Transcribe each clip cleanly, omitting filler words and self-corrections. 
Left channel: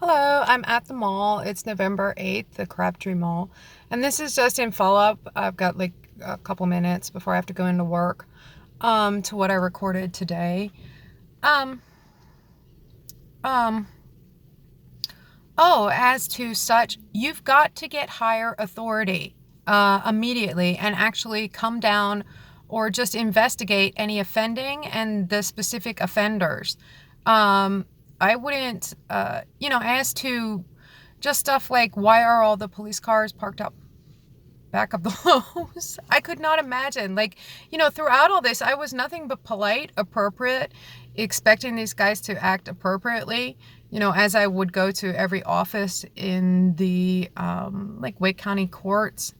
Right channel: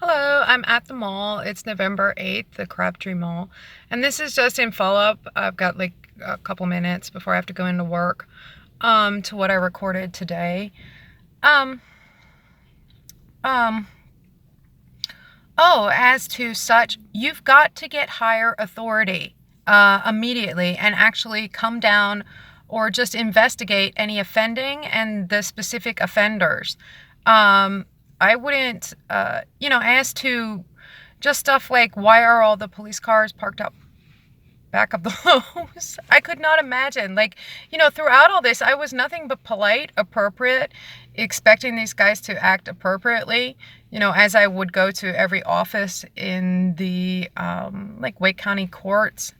Hello, I'm at the mall. It's November 8th, the Crabtree Mall. And this is just in follow-up. I've got like a couple minutes before I have to go into work, to what I recorded today. Um, um, as to such, you've got to get higher authority, immediately and actually come down or just investigate any offending and the specific offenders. Um, I wouldn't, as to just stuff like why are all the police cars parked up back of the house? I could not imagine. Throughout all this, I was nothing but polite, appropriate, expecting these guys to act appropriately, as I would go to every office in the, Wake County courts.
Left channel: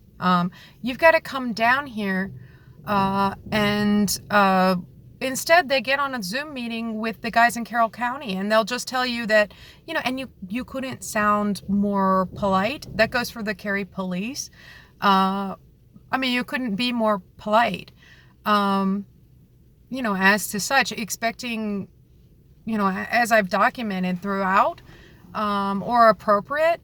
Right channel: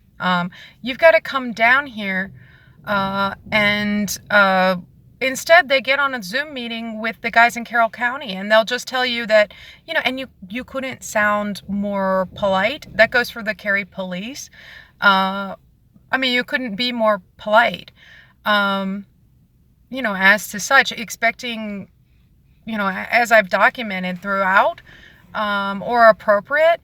You've got to come down here, and instead they get on a Zoom meeting with the guys in Carroll County, and they'll just tell you that, and you couldn't sound more polite. That goes for the Cary police. You couldn't be more polite. As to such, expecting, as I've documented throughout, or appropriate,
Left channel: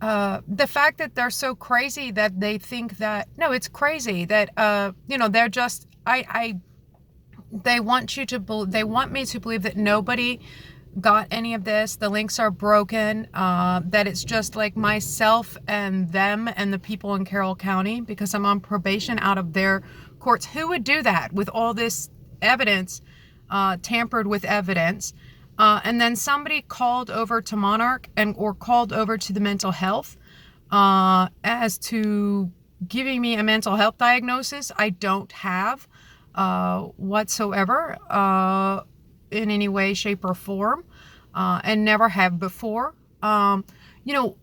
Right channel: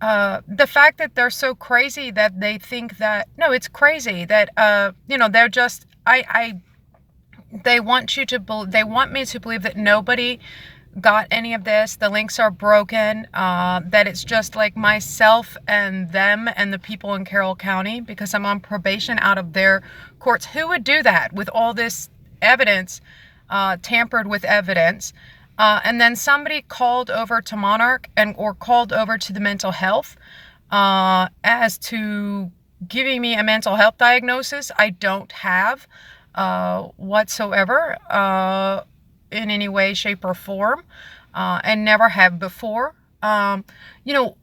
the fact that they're so crazy that they think that, no, it's crazy that, they're just, they want they want me to believe that nobody got any of this. The links are broken, that it's just like myself and them and the people in Carroll County because I'm on probation out of their courts. Who would do that with all this evidence, tampered with evidence? And then somebody called over to Monarch or called over to the mental health, as to giving me a mental health diagnosis I don't have, whatsoever, in any way, shape, or form, and never have before. You know,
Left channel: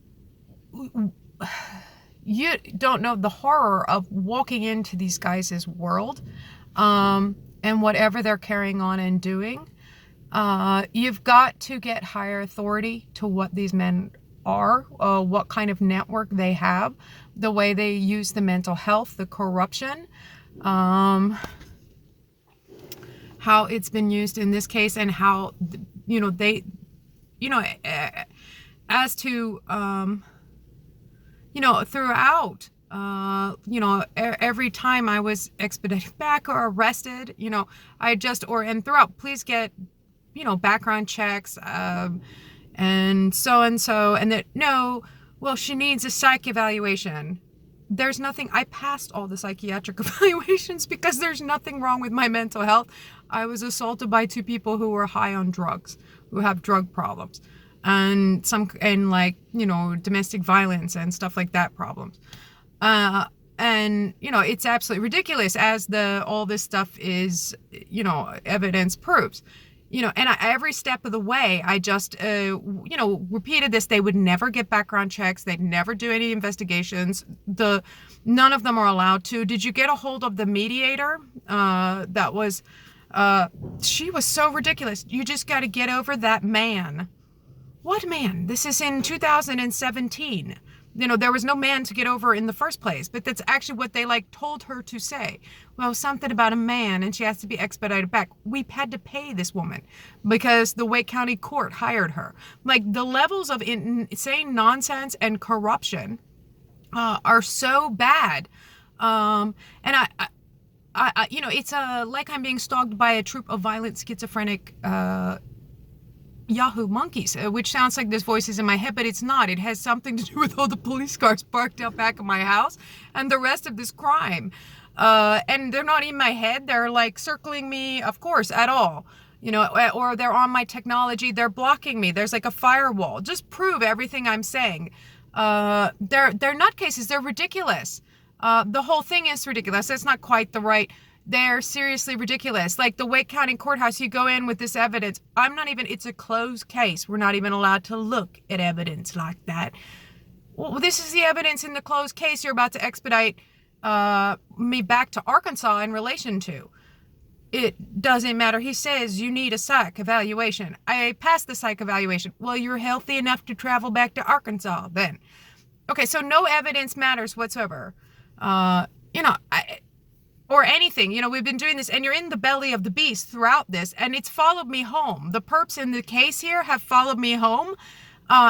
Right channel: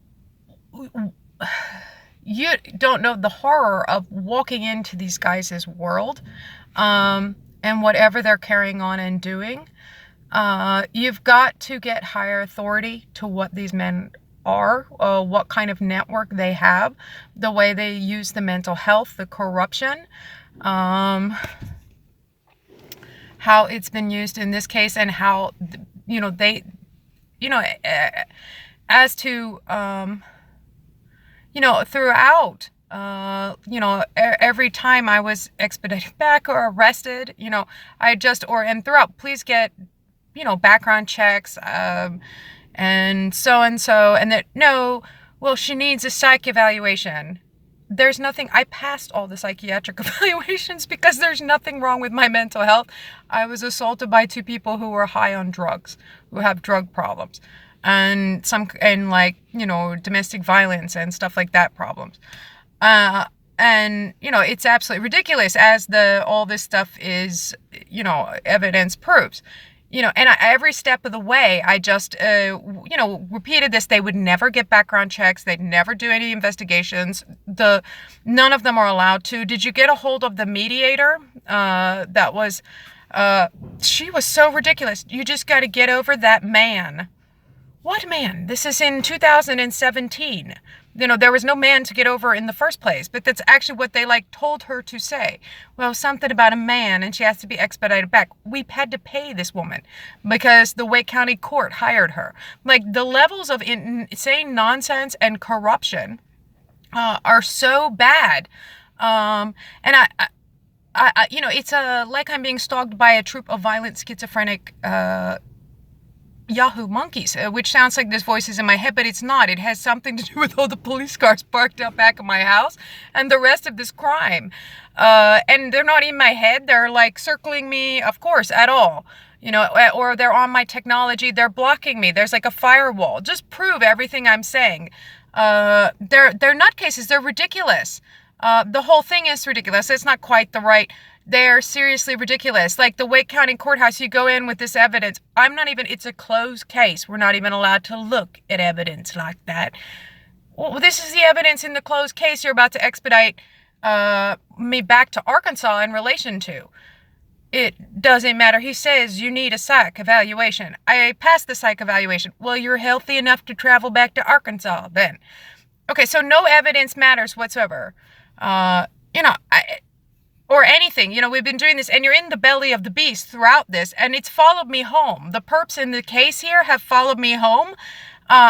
you don't know the horror of walking into these guys' world, and whatever they're carrying on and doing. You've got to get higher authority to what these men are, what kind of network they have, the way they use the mental health, the corruption, how it's been used in this case, and how, they, as to, throughout, every time I was expedited back or arrested, and throughout, please get, background checks, and so, and that, no, well, she needs a psych evaluation. There's nothing, I passed all the psychiatric evaluations because there's nothing wrong with my mental health. I was assaulted by two people who were high on drugs, who have drug problems, and domestic violence and stuff like that problems. It's absolutely ridiculous, as all this stuff is, evidence proves. Every step of the way, I just, repeated this. They would never get background checks. They'd never do any investigations. None of them are allowed to. Did you get a hold of the mediator? She was so ridiculous. You just got to get over that man. What man? This is in 2017. There was no man to get over in the first place, but that's actually what they told her to say. Well, something about a man, and she has to be expedited back. We had to pay this woman because the Wake County court hired her. The levels of insane nonsense and corruption, are so bad. And it's like I'm being stalked by a troop of violent schizophrenic, Yahoo monkeys, which sounds like this voice is in my head, but it's not. It has something to do with all the police cars parked out back of my house and the rest of this crime. And they're not in my head. They're circling me, of course, at all. Or they're on my technology. They're blocking me. There's a firewall. Just prove everything I'm saying. They're nutcases. They're ridiculous. The whole thing is ridiculous. It's not quite the right. They're seriously ridiculous. The Wake County courthouse, you go in with this evidence. It's a closed case. We're not even allowed to look at evidence like that. Well, this is the evidence in the closed case you're about to expedite, me back to Arkansas in relation to. It doesn't matter. He says you need a psych evaluation. I passed the psych evaluation. Well, you're healthy enough to travel back to Arkansas then. Okay, so no evidence matters whatsoever. Or anything. We've been doing this, and you're in the belly of the beast throughout this, and it's followed me home. The perps in the case here have followed me home.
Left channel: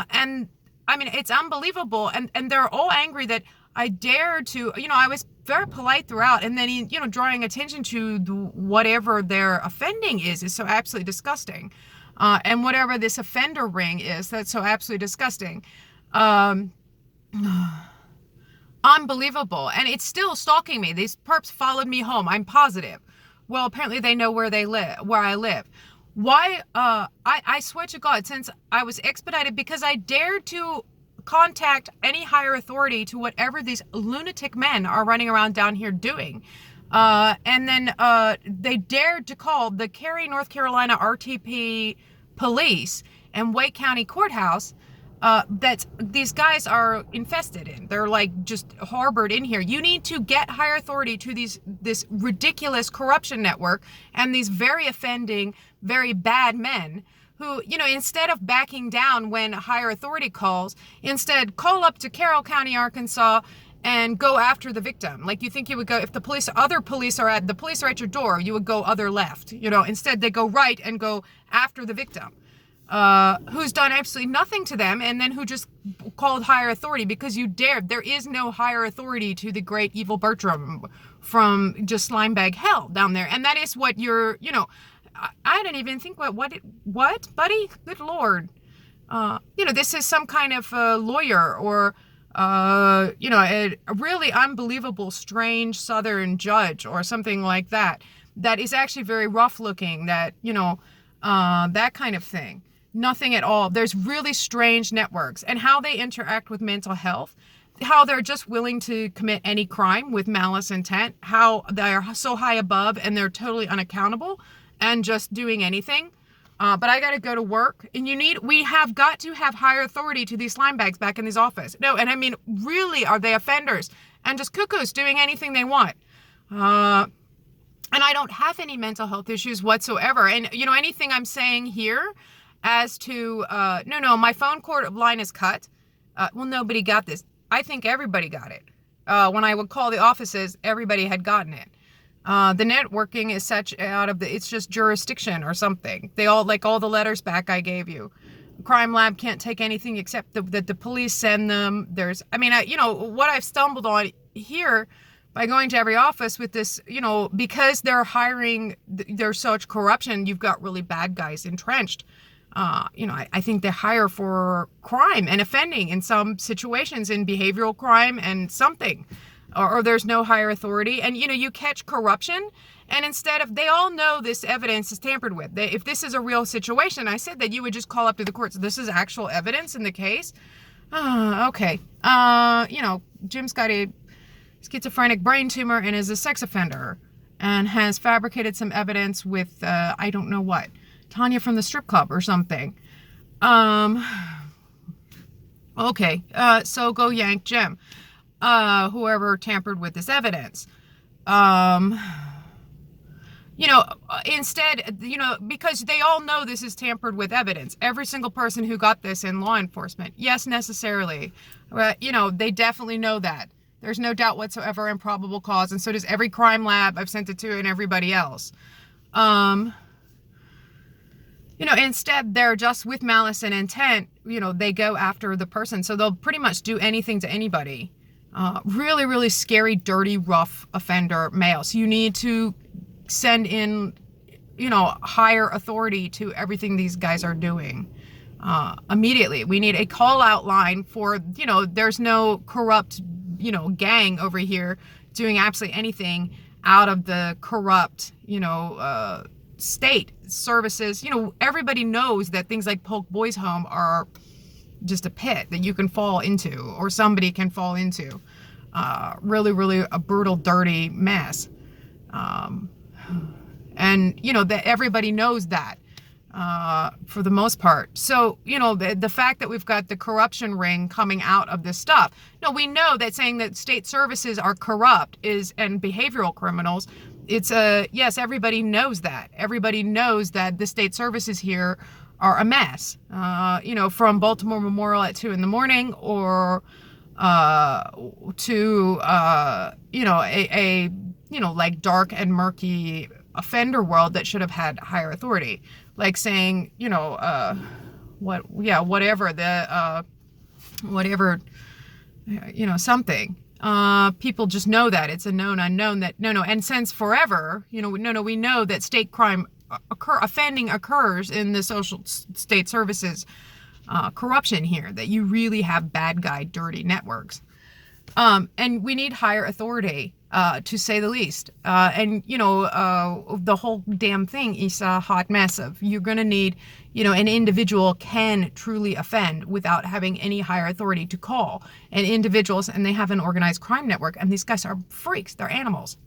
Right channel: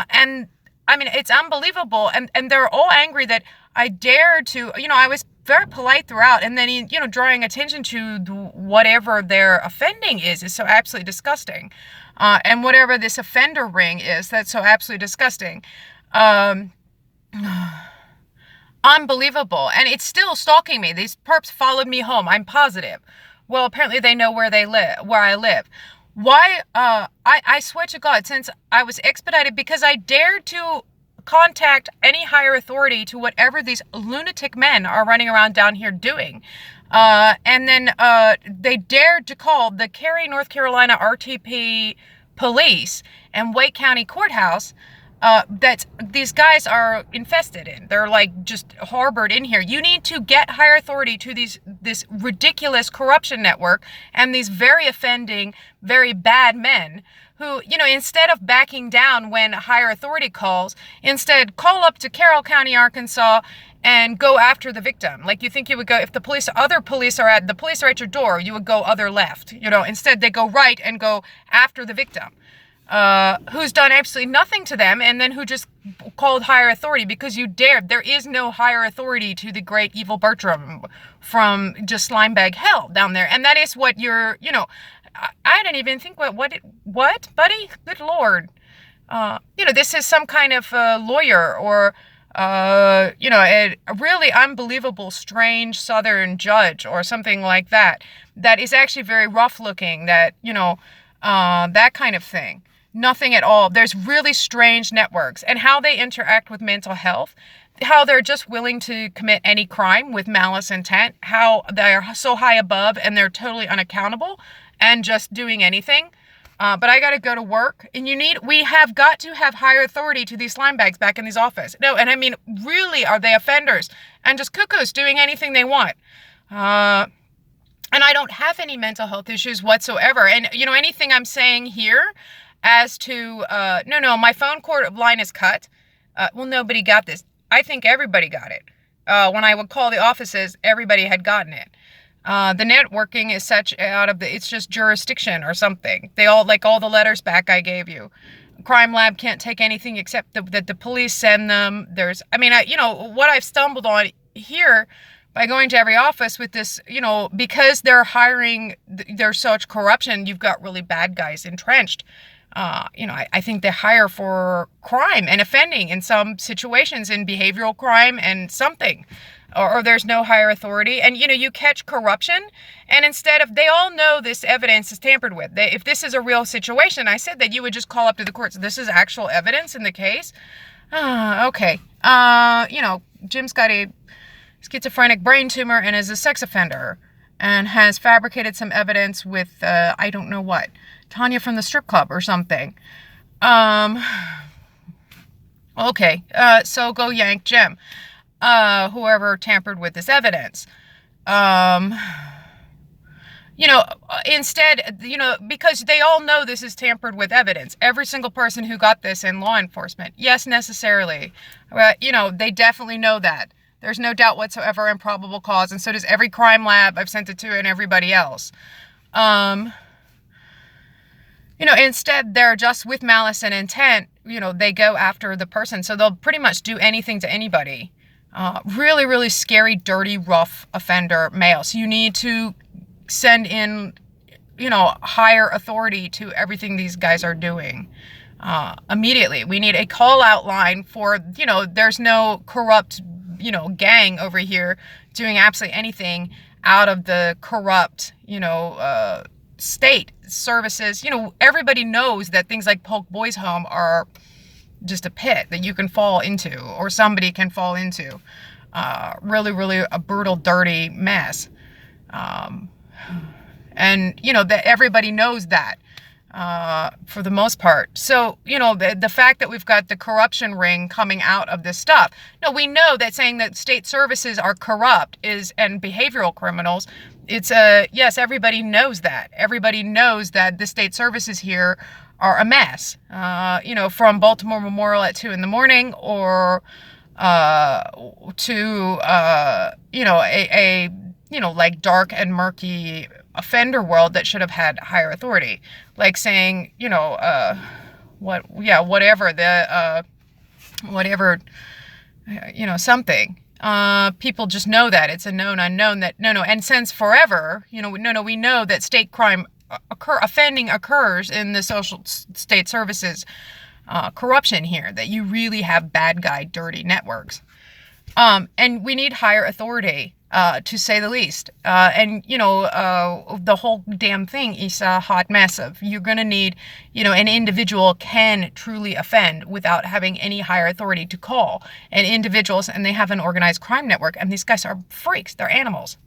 And I mean, it's unbelievable. And they're all angry that I dared to, I was very polite throughout. And then, drawing attention to whatever their offending is so absolutely disgusting. And whatever this offender ring is, that's so absolutely disgusting. Um, Unbelievable. And it's still stalking me. These perps followed me home. I'm positive. Well, apparently they know where I live. Why? I swear to God, since I was expedited because I dared to contact any higher authority to whatever these lunatic men are running around down here doing. And then they dared to call the Cary, North Carolina RTP police and Wake County Courthouse that these guys are infested in. They're like just harbored in here. You need to get higher authority to this ridiculous corruption network and these very offending, very bad men who, instead of backing down when higher authority calls, instead call up to Carroll County, Arkansas, and go after the victim. Like you think you would go, if the police are at your door, you would go other left. Instead they go right and go after the victim. Who's done absolutely nothing to them, and then who just called higher authority because you dared. There is no higher authority to the great evil Bertram from just slimebag hell down there. And that is what you're, I didn't even think, what, buddy? Good Lord. This is some kind of lawyer or, a really unbelievable, strange Southern judge or something like that. That is actually very rough looking, that, that kind of thing. Nothing at all. There's really strange networks and how they interact with mental health, how they're just willing to commit any crime with malice intent, how they're so high above and they're totally unaccountable and just doing anything. But I got to go to work, and we have got to have higher authority to these slime bags back in these office. No, and I mean, really, are they offenders and just cuckoos doing anything they want? And I don't have any mental health issues whatsoever. And, anything I'm saying here as to, no, my phone line is cut. Well, nobody got this. I think everybody got it. When I would call the offices, everybody had gotten it. The networking is such it's just jurisdiction or something. They all, like all the letters back I gave you. Crime Lab can't take anything except that the police send them. What I've stumbled on here by going to every office with this, because they're hiring, there's such corruption, you've got really bad guys entrenched. I think they hire for crime and offending in some situations, in behavioral crime and something, or there's no higher authority. And, you catch corruption, and they all know this evidence is tampered with. If this is a real situation, I said that you would just call up to the courts. This is actual evidence in the case. Okay. Jim's got a schizophrenic brain tumor and is a sex offender and has fabricated some evidence with, I don't know what, Tanya from the strip club or something. Okay. So go yank Jim. Whoever tampered with this evidence. Instead, because they all know this is tampered with evidence. Every single person who got this in law enforcement. Yes, necessarily. They definitely know that. There's no doubt whatsoever in probable cause, and so does every crime lab I've sent it to and everybody else. Instead, they're just with malice and intent, they go after the person. So they'll pretty much do anything to anybody. Really, really scary, dirty, rough offender male. So you need to send in, higher authority to everything these guys are doing. Immediately. We need a call out line for, there's no corrupt, gang over here doing absolutely anything out of the corrupt, state services. Everybody knows that things like Polk Boys Home are just a pit that you can fall into, or somebody can fall into. Really, really a brutal, dirty mess. And, that everybody knows that, for the most part. So, the fact that we've got the corruption ring coming out of this stuff. No, we know that saying that state services are corrupt and behavioral criminals. It's yes, everybody knows that. Everybody knows that the state services here are a mess. From Baltimore Memorial at 2 a.m, or to like dark and murky offender world that should have had higher authority. Like saying, whatever something. People just know that it's a known unknown that and since forever, we know that state crime offending occurs in the social state services corruption here, that you really have bad guy dirty networks. And we need higher authority, to say the least. The whole damn thing is a hot mess of, you're going to need, an individual can truly offend without having any higher authority to call. And individuals, and they have an organized crime network, and these guys are freaks. They're animals.